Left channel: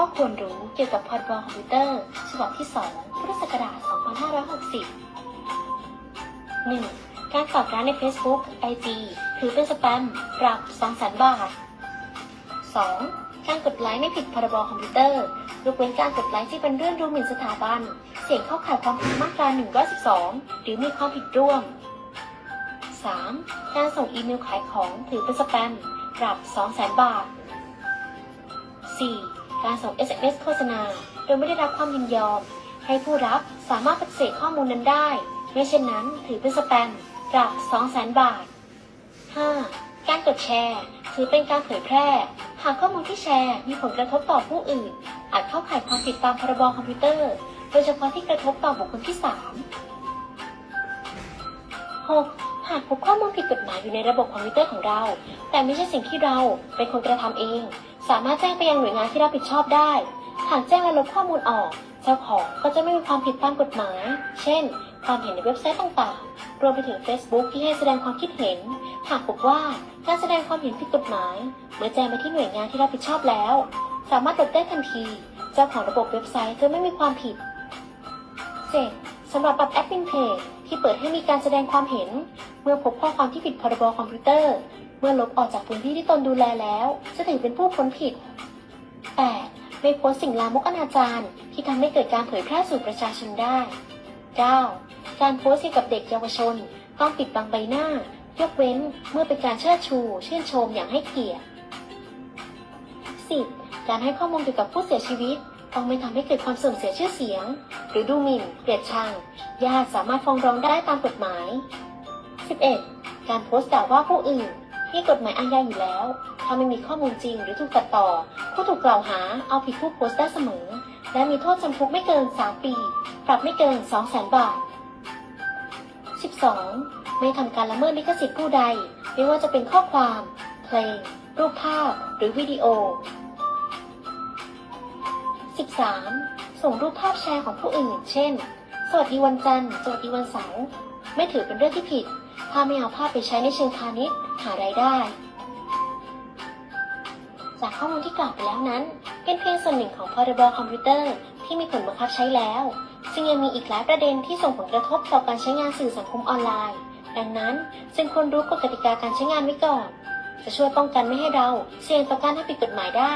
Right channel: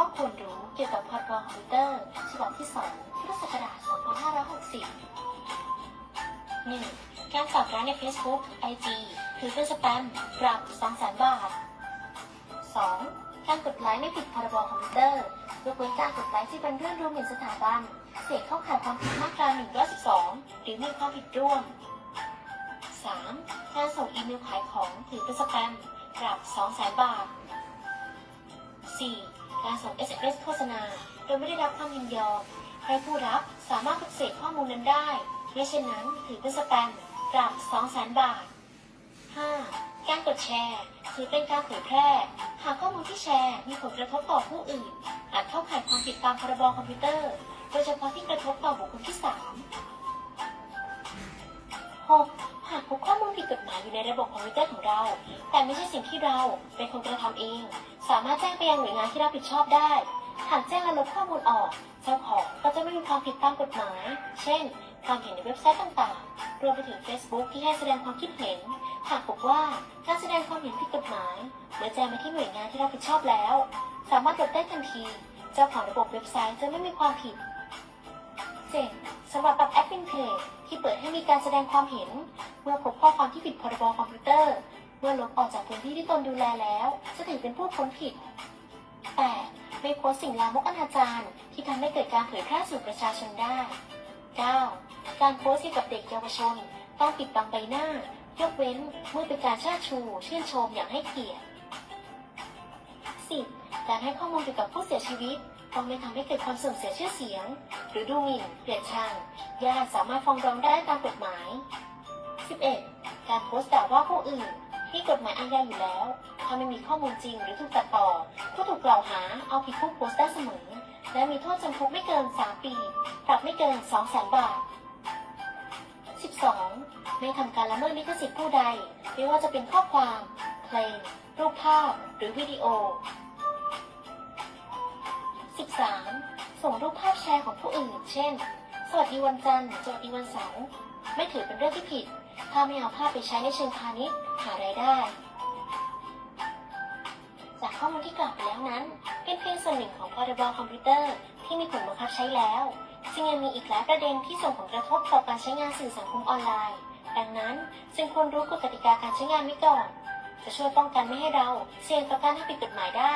ข้อควรรู้เกี่ยวกับพรบคอมพิวเตอร์ ฉบับที่ 2 พุทธศักราช 2560 1. การฝากร้านใน Facebook IG ถือเป็นสแปม ปรับ 200,000 บาท 2. การกดไลค์ไม่ผิดพรบคอมพิวเตอร์ยกเว้นการกดไลค์ที่เป็นเรื่องดูหมิ่นสถาบัน เสี่ยงเข้าข่ายความผิดมาตรา 112 หรือมีความผิดร่วม 3. การส่งอีเมลขายของถือเป็นสแปม ปรับ 200,000 บาท 4. การส่ง SMS โฆษณา โดยไม่ได้รับความยินยอม ให้ผู้รับสามารถปฏิเสธข้อมูลนั้นได้ ไม่เช่นนั้นถือเป็นสแปม ปรับ 200,000 บาท 5. การกดแชร์ ถือเป็นการเผยแพร่ หากข้อมูลที่แชร์มีผลกระทบต่อผู้อื่น อาจเข้าข่ายความผิดตามพรบคอมพิวเตอร์ โดยเฉพาะที่กระทบต่อบุคคลที่ 3 6. หากพบข้อมูลผิดกฎหมายอยู่ในระบบคอมพิวเตอร์ของเรา แต่ไม่ใช่สิ่งที่เราเป็นคนกระทำเอง สามารถแจ้งไปยังหน่วยงานที่รับผิดชอบได้ หากแจ้งและลบข้อมูลออก เจ้าของก็จะไม่มีความผิดตามกฎหมาย เช่น ความเห็นในเว็บไซต์ต่างๆ รวมไปถึง Facebook ที่ให้แสดงความคิดเห็น หากพบว่าการแสดงความเห็นผิดกฎหมาย เมื่อแจ้งไปที่หน่วยงานที่รับผิดชอบแล้ว สามารถลบได้ทันที เจ้าของระบบเว็บไซต์จะไม่มีความผิด 7. สำหรับปรับแอดมินเพจที่เปิดให้มีการแสดงความเห็น เมื่อพบข้อความที่ผิดพรบคอมพิวเตอร์ เมื่อลบออกจากพื้นที่ที่ตนดูแลแล้ว จะถือเป็นผู้พ้นผิด 8. ไม่โพสต์สิ่งลามกอนาจารที่ทำให้เกิดการเผยแพร่สู่ประชาชนได้ 9. การโพสต์เกี่ยวกับเด็กเยาวชน ต้องปิดบังใบหน้า ยกเว้นเมื่อเป็นการเชิดชูชื่นชมอย่างให้เกียรติ 10. การให้ข้อมูลเกี่ยวกับผู้เสียชีวิต ต้องไม่ทำให้เกิดความเสื่อมเสียชื่อเสียง หรือดูหมิ่นเกลียดชัง ญาติสามารถฟ้องร้องได้ตามกฎหมาย 11. การโพสต์ด่าว่าผู้อื่นที่กฎหมายอาญาอยู่แล้ว ถ้าไม่มีข้อมูลจริงหรือถูกตัดต่อ ผู้ถูกกล่าวหาเอาผิดผู้โพสต์ได้เสมอ และมีโทษจำคุกไม่เกิน 3 ปี ปรับไม่เกิน 200,000 บาท 12. ไม่ทำการละเมิดลิขสิทธิ์ผู้ใด ไม่ว่าจะเป็นข้อความ เพลง รูปภาพ หรือวิดีโอ 13. ส่งรูปภาพแชร์ของผู้อื่น เช่น สวัสดีวันจันทร์ สวัสดีวันเสาร์ ไม่ถือเป็นเรื่องที่ผิด ถ้าไม่เอาภาพไปใช้ในเชิงพาณิชย์ หารายได้ จากข้อมูลที่กล่าวไปแล้วนั้น เป็นเพียงส่วนหนึ่งของพรบคอมพิวเตอร์ที่มีผลบังคับใช้แล้วซึ่งยังมีอีกหลายประเด็นที่ส่งผลกระทบต่อการใช้งานสื่อสังคมออนไลน์ ดังนั้นจึงควรรู้กฎกติกาการใช้งานไว้ก่อน จะช่วยป้องกันไม่ให้เราเสี่ยงต่อการทำผิดกฎหมายได้